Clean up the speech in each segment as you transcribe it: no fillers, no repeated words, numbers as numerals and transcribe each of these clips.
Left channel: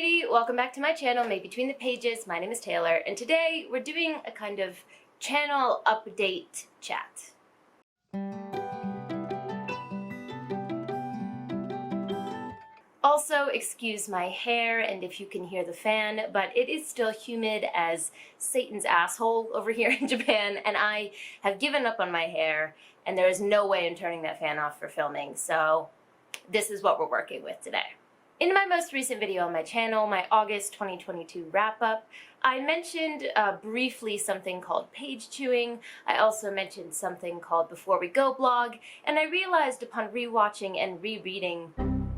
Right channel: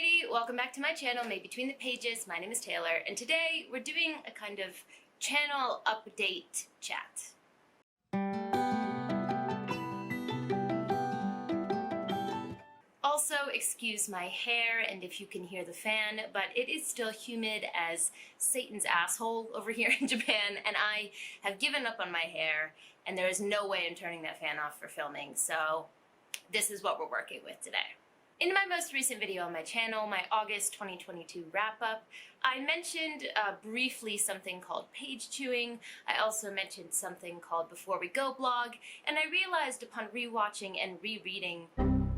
matey, welcome back to my channel, Made Between the Pages. My name is Taylor, and today we're doing a kind of channel update chat. Also, excuse my hair and if you can hear the fan, but it is still humid as Satan's asshole over here in Japan, and I have given up on my hair, and there is no way I'm turning that fan off for filming, so this is what we're working with today. In my most recent video on my channel, my August 2022 wrap-up, I mentioned briefly something called page chewing. I also mentioned something called Before We Go blog, and I realized upon rewatching and rereading,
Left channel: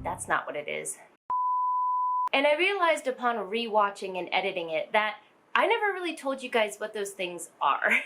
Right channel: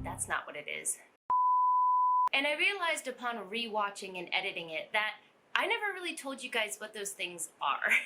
that's not what it is. And I realized upon rewatching and editing it that I never really told you guys what those things are.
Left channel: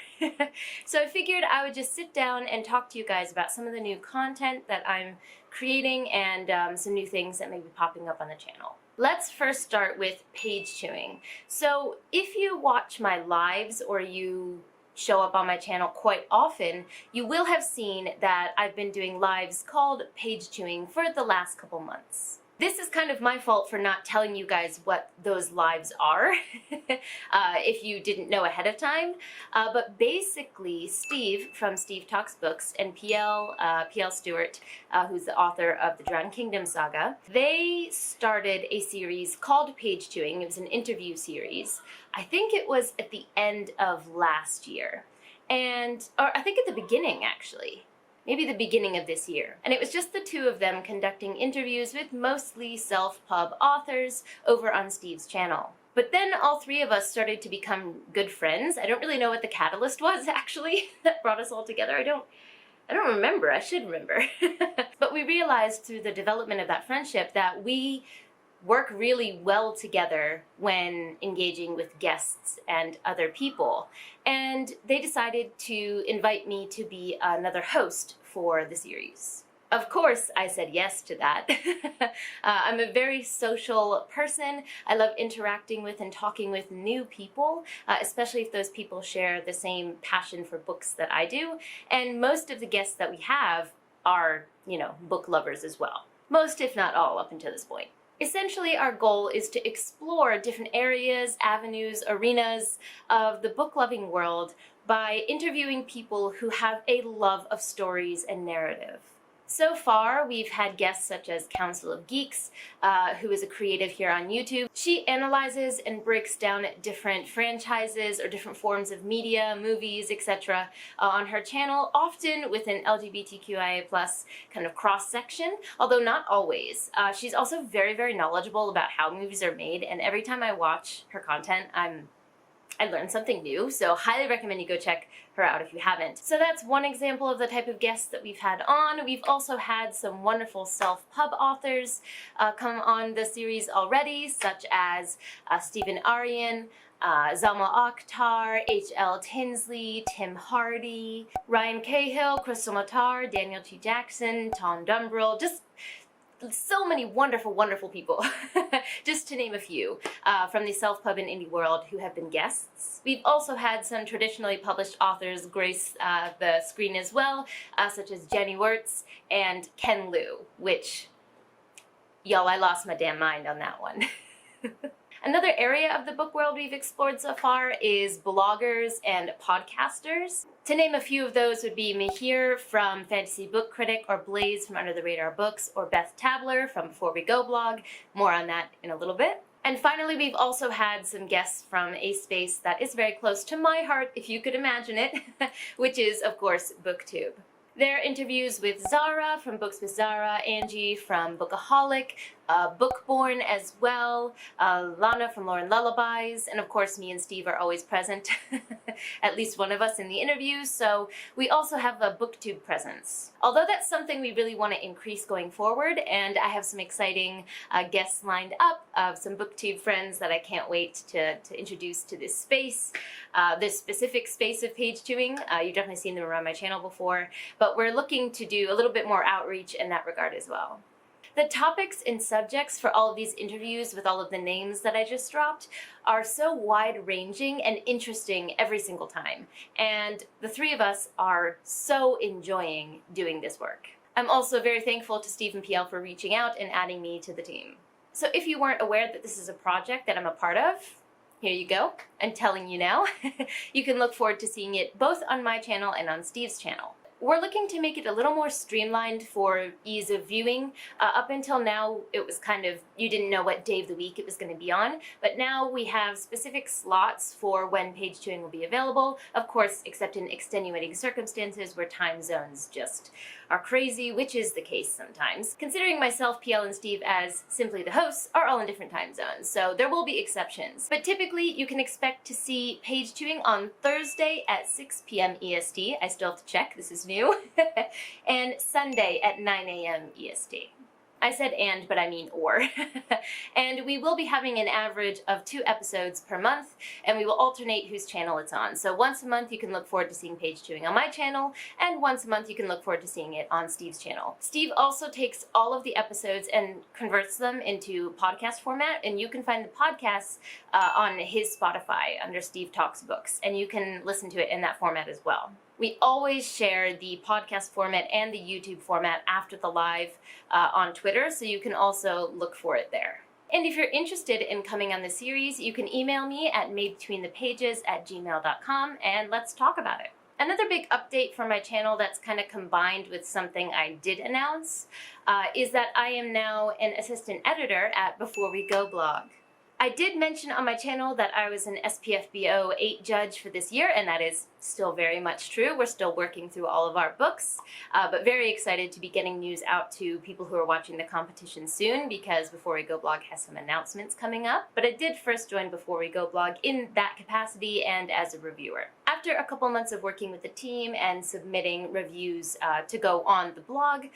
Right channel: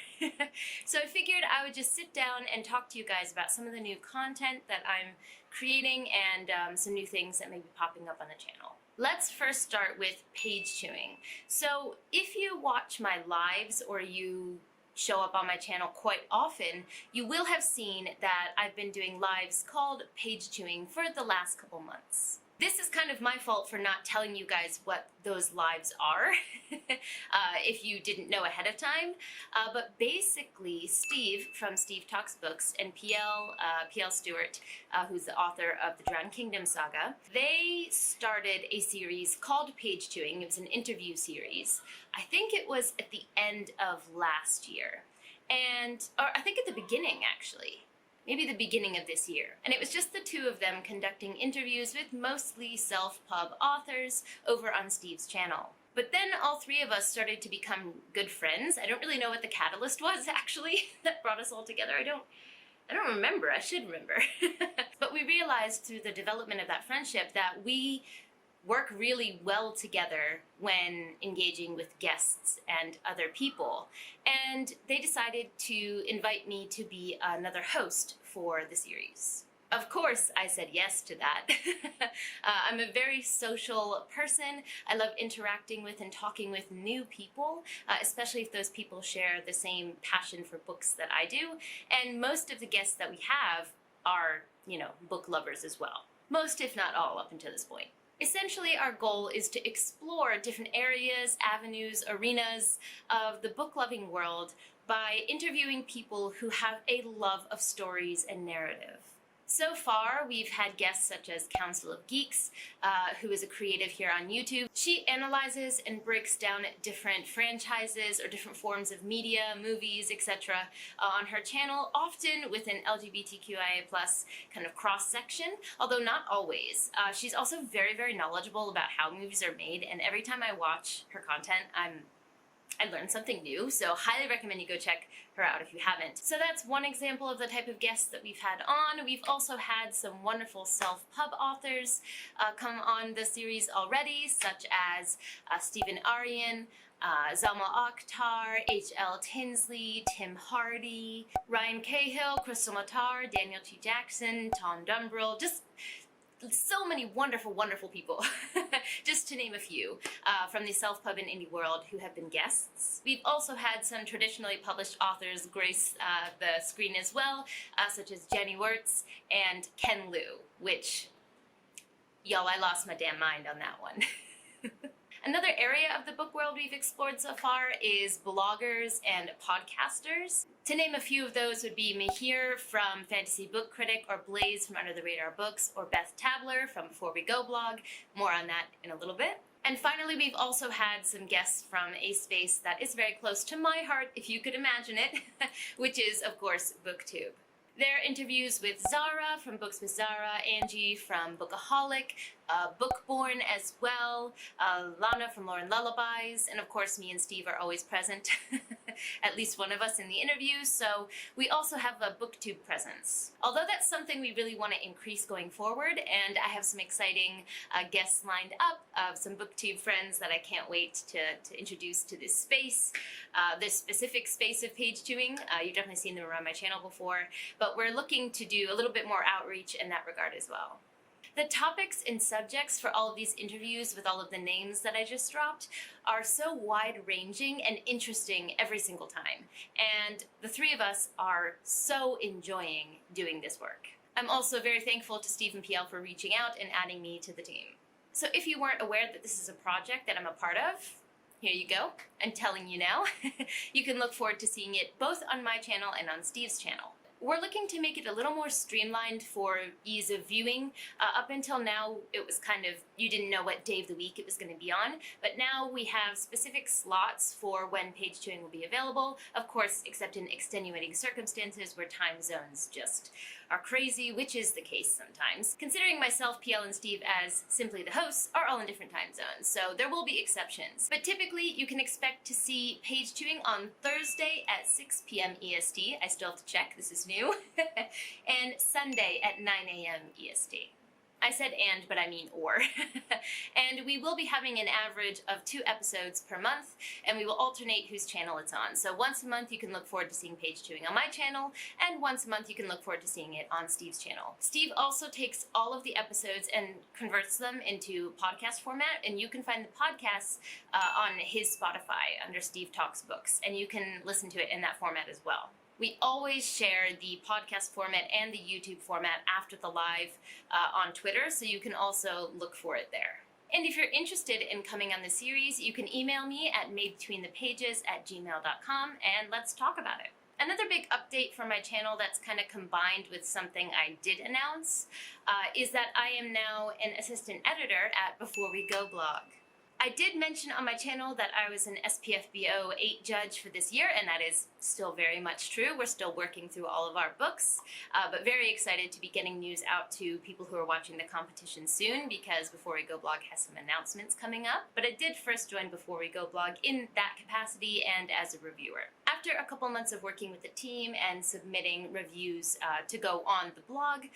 So I figured I would just sit down and talk to you guys about some of the new content that I'm creating and some new things that may be popping up on the channel. Let's first start with page chewing. So if you watch my lives or you show up on my channel quite often, you will have seen that I've been doing lives called page chewing for the last couple months. This is kind of my fault for not telling you guys what those lives are, if you didn't know ahead of time. But basically, Steve from Steve Talks Books and PL Stewart, who's the author of the Drowned Kingdom saga, they started a series called Page Chewing. It was an interview series. I think it was at the end of last year, or I think at the beginning actually. Maybe the beginning of this year. And it was just the two of them conducting interviews with mostly self-pub authors over on Steve's channel. But then all three of us started to become good friends. I don't really know what the catalyst was actually that brought us all together. I don't remember. I should remember. But we realized through the development of that friendship that we work really well together when engaging with guests and other people. And they decided to invite me to be another host for the series. Of course, I said yes to that. I'm a very social person. I love interacting with and talking with new people, especially if those people share the same passion for books that I do. And most of the guests that we have are, book lovers as well. Most, if not all, up until this point. Essentially, our goal is to explore different areas, avenues, arenas of the book-loving world by interviewing people who have a love of stories and narrative. So far, we've had guests such as Council of Geeks, who is a creative here on YouTube. She analyzes and breaks down different franchises or different forms of media, movies, etc. On her channel, often with an LGBTQIA+ kind of cross-section, although not always. She's also very, very knowledgeable about how movies are made, and every time I watch her content, I learned something new, so highly recommend you go check her out if you haven't. So that's one example of the type of guests that we've had on. We've also had some wonderful self-pub authors come on the series already, such as Stephen Aryan, Zalma Akhtar, H.L. Tinsley, Tim Hardy, Ryan Cahill, Crystal Matar, Daniel T. Jackson, Tom Dumbrell, just so many wonderful, wonderful people, just to name a few, from the self-pub and indie world who have been guests. We've also had some traditionally published authors grace the screen as well, such as Jenny Wirtz and Ken Liu, which, y'all, I lost my damn mind on that one. Another area of the book world we've explored so far is bloggers and podcasters. To name a few of those would be Mihir from Fantasy Book Critic, or Blaze from Under the Radar Books, or Beth Tabler from Before We Go blog. More on that in a little bit. And finally, we've also had some guests from a space that is very close to my heart, if you could imagine it, which is, of course, BookTube. There are interviews with Zara from Books with Zara, Angie from Bookaholic, Bookborn as well, Lana from Lauren Lullabies, and of course me and Steve are always present, at least one of us in the interviews, so we also have a BookTube presence. Although that's something we really want to increase going forward, and I have some exciting guests lined up, some BookTube friends that I can't wait to introduce to this space, this specific space of page chewing. You've definitely seen them around my channel before, but we're looking to do a little bit more outreach in that regard as well. The topics and subjects for all of these interviews with all of the names that I just dropped are so wide-ranging and interesting every single time, and the three of us are so enjoying doing this work. I'm also very thankful to Steve and PL for reaching out and adding me to the team. So if you weren't aware that this is a project that I'm a part of, here you go. I'm telling you now. You can look forward to seeing it both on my channel and on Steve's channel. We're looking to make it a little more streamlined for ease of viewing. Up until now, it was kind of, you didn't know what day of the week it was going to be on, but now we have specific slots for when page viewing will be available, of course, except in extenuating circumstances where time zones just are crazy, which is the case sometimes. Considering myself, PL, and Steve as simply the hosts are all in different time zones, so there will be exceptions. But typically, you can expect to see page viewing on Thursday at 6 p.m. EST. I still have to check, this is new. And Sunday at 9 a.m. EST. I said and, but I mean or. And we will be having an average of 2 episodes per month, and we will alternate whose channel it's on. So once a month you can look forward to seeing page viewing on my channel, and once a month you can look forward to seeing it on Steve's channel. Steve also takes all of the episodes and converts them into podcast format, and you can find the podcasts on his Spotify under Steve Talks Books, and you can listen to it in that format as well. We always share the podcast format and the YouTube format after the live on Twitter, so you can also look for it there. And if you're interested in coming on the series, you can email me at madebetweenthepages@gmail.com and let's talk about it. Another big update for my channel that's kind of combined with something I did announce is that I am now an assistant editor at Before We Go blog. I did mention on my channel that I was an SPFBO 8 judge for this year, and that is still very much true. We're still working through all of our books, but very excited to be getting news out to people who are watching the competition soon, because Before We Go blog has some announcements coming up. But I did first join Before We Go blog in that capacity and as a reviewer. After a couple months of working with the team and submitting reviews to go on the blog,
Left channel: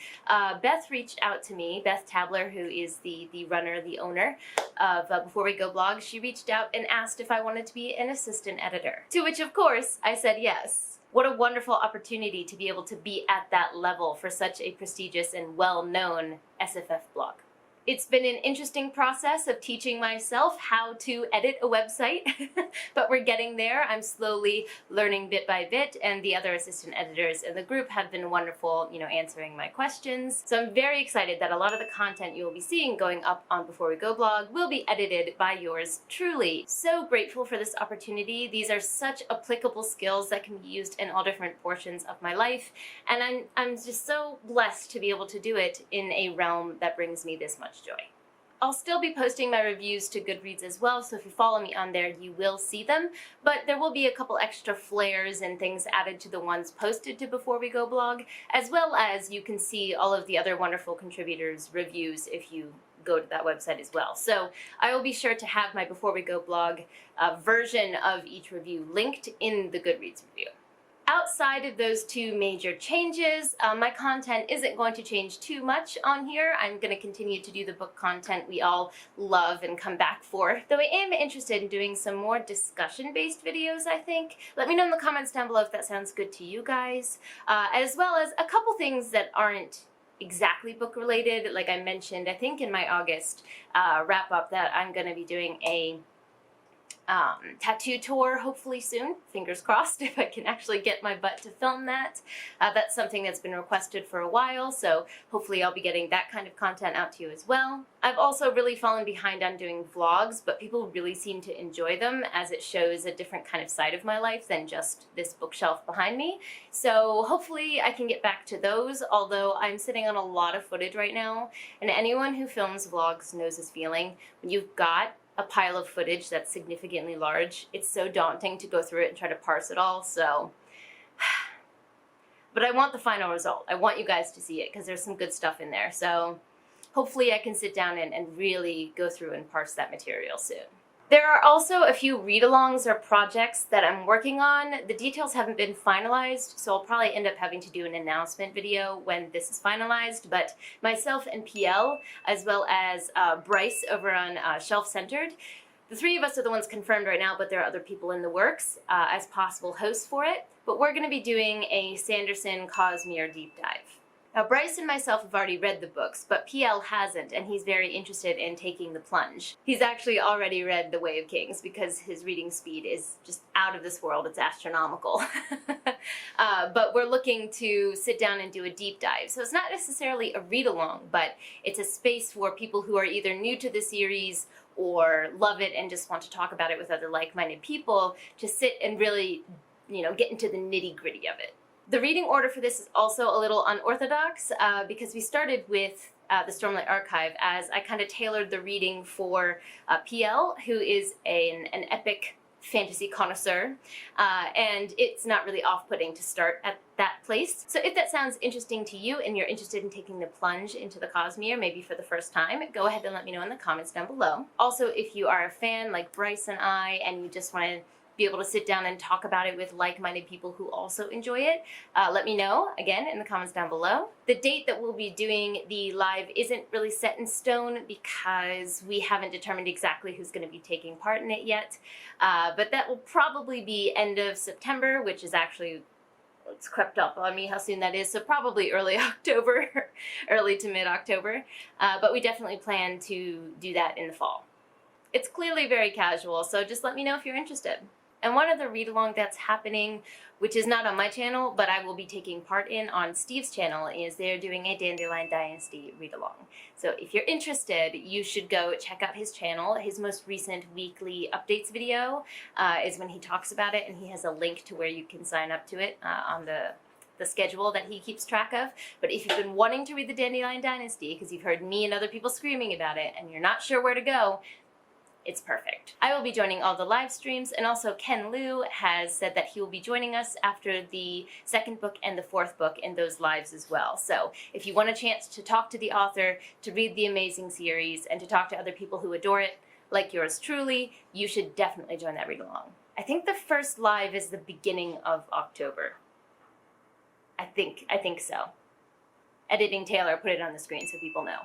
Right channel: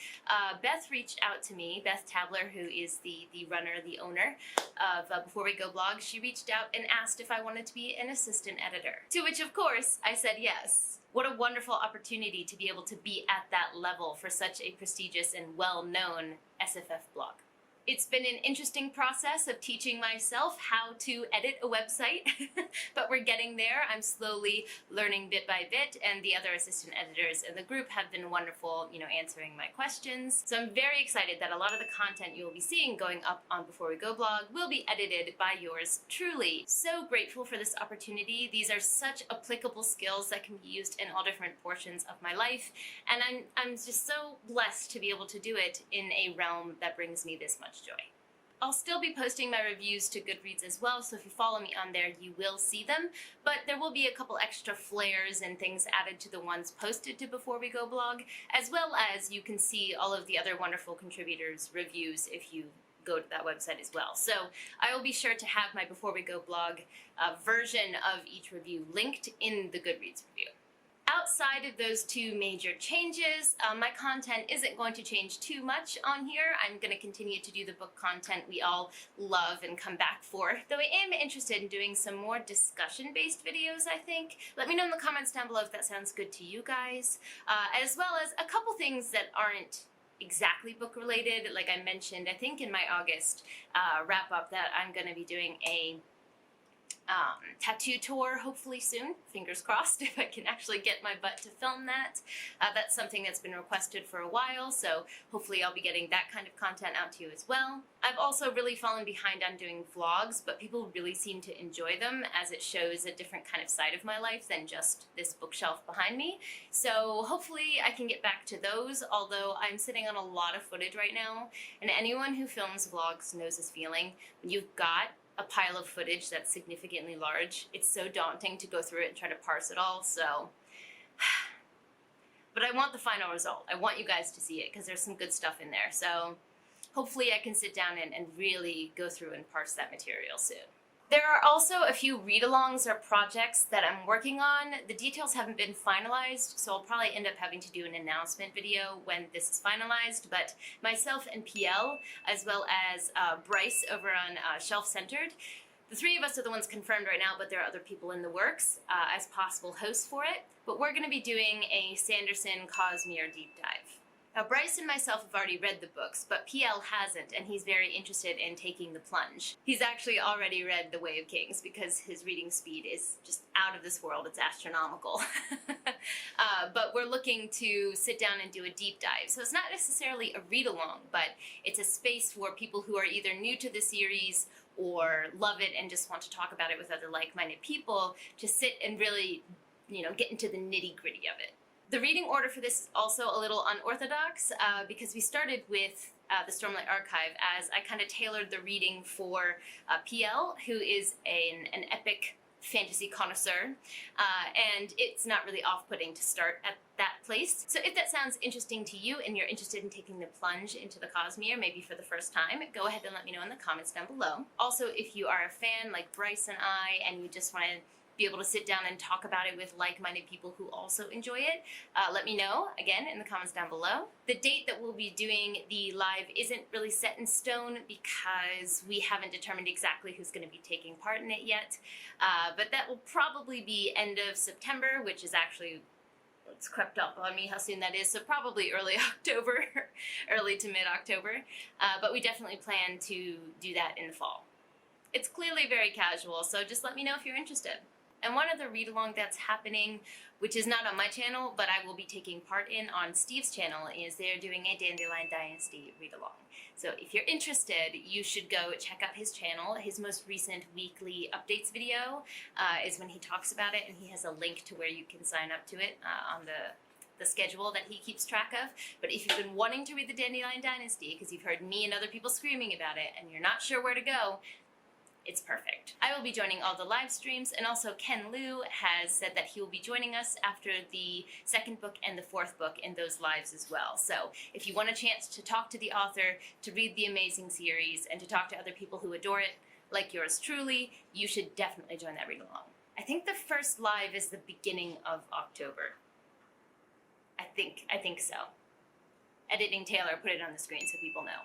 Beth reached out to me, Beth Tabler, who is the runner, the owner of Before We Go blog. She reached out and asked if I wanted to be an assistant editor, to which of course I said yes. What a wonderful opportunity to be able to be at that level for such a prestigious and well-known SFF blog. It's been an interesting process of teaching myself how to edit a website, but we're getting there. I'm slowly learning bit by bit, and the other assistant editors in the group have been wonderful, answering my questions. So I'm very excited that a lot of the content you will be seeing going up on Before We Go blog will be edited by yours truly. So grateful for this opportunity. These are such applicable skills that can be used in all different portions of my life, and I'm just so blessed to be able to do it in a realm that brings me this much joy. I'll still be posting my reviews to Goodreads as well, so if you follow me on there, you will see them, but there will be a couple extra flares and things added to the ones posted to Before We Go blog, as well as you can see all of the other wonderful contributors' reviews if you go to that website as well. So I will be sure to have my Before We Go blog version of each review linked in the Goodreads review. Outside of those 2 major changes, my content isn't going to change too much on here. I'm going to continue to do the book content we all love and come back for. Though I am interested in doing some more discussion-based videos, I think. Let me know in the comments down below if that sounds good to you guys, as well as a couple things that aren't exactly book related. Like I mentioned, I think in my August wrap up, that I'm going to be doing a tattoo tour hopefully soon, fingers crossed, if I can actually get my butt to film that. That's something that's been requested for a while, so hopefully I'll be getting that kind of content out to you as well. I've also really fallen behind on doing vlogs, but people really seem to enjoy them as it shows a different kind of side of my life than just this bookshelf behind me. So hopefully I can get back to those, although I'm sitting on a lot of footage right now, and anyone who films vlogs knows this feeling. When you've got a pile of footage that's significantly large, it's so daunting to go through it and try to parse it all, so. But I want the final result. I want you guys to see it because there's some good stuff in there, so hopefully I can sit down and really go through and parse that material soon. There are also a few read-alongs or projects that I'm working on. The details haven't been finalized, so I'll probably end up having to do an announcement video when this is finalized, but myself and PL, as well as Bryce over on Shelf Centered, the 3 of us are the ones confirmed right now, but there are other people in the works as possible hosts for it. But we're going to be doing a Sanderson Cosmere deep dive. Now, Bryce and myself have already read the books, but PL hasn't, and he's very interested in taking the plunge. He's actually already read The Way of Kings because his reading speed is just out of this world. It's astronomical. But we're looking to sit down and do a deep dive. So it's not necessarily a read-along, but it's a space for people who are either new to the series or love it and just want to talk about it with other like-minded people to sit and really, get into the nitty-gritty of it. The reading order for this is also a little unorthodox because we started with the Stormlight Archive as I kind of tailored the reading for PL, who is an epic fantasy connoisseur, and it's not really off-putting to start at that place. So if that sounds interesting to you and you're interested in taking the plunge into the Cosmere, maybe for the first time, go ahead and let me know in the comments down below. Also, if you are a fan like Bryce and I, and you just want to be able to sit down and talk about it with like-minded people who also enjoy it, let me know, again, in the comments down below. The date that we'll be doing the live isn't really set in stone because we haven't determined exactly who's going to be taking part in it yet, but that will probably be end of September, which is actually, it's crept up on me how soon that is, so probably early October, early to mid-October, but we definitely plan to do that in the fall. It's clearly very casual, so just let me know if you're interested. And one other read-along that's happening, which is not on my channel, but I will be taking part in on Steve's channel, is they're doing a Dandelion Dynasty read-along. So if you're interested, you should go check out his channel. His most recent weekly updates video is when he talks about it, and he has a link to where you can sign up to it on the schedule that he keeps track of. But if you've been wanting to read the Dandelion Dynasty, because you've heard me and other people screaming about it, and you're not sure where to go, it's perfect. I will be joining all the live streams, and also Ken Liu has said that he will be joining us after the second book and the fourth book in those lives as well. So if you want a chance to talk to the author, to read the amazing series, and to talk to other people who adore it, like yours truly, you should definitely join that read-along. I think the first live is the beginning of October. I think so. Editing Taylor put it on the screen so people know.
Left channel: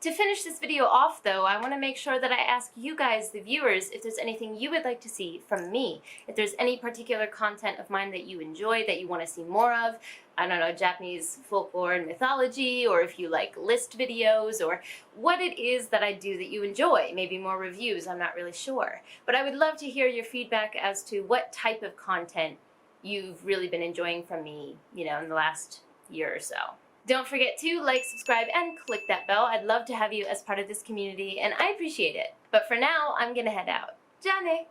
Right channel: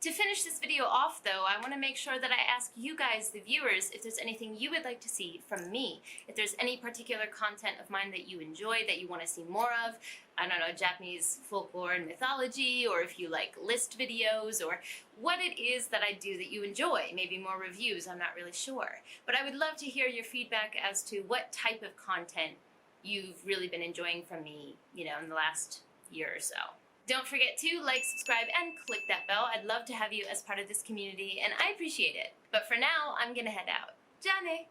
To finish this video off, though, I want to make sure that I ask you guys, the viewers, if there's anything you would like to see from me. If there's any particular content of mine that you enjoy, that you want to see more of, I don't know, Japanese folklore and mythology, or if you like list videos, or what it is that I do that you enjoy. Maybe more reviews, I'm not really sure. But I would love to hear your feedback as to what type of content you've really been enjoying from me, in the last year or so. Don't forget to like, subscribe, and click that bell. I'd love to have you as part of this community, and I appreciate it. But for now, I'm gonna head out. Jane!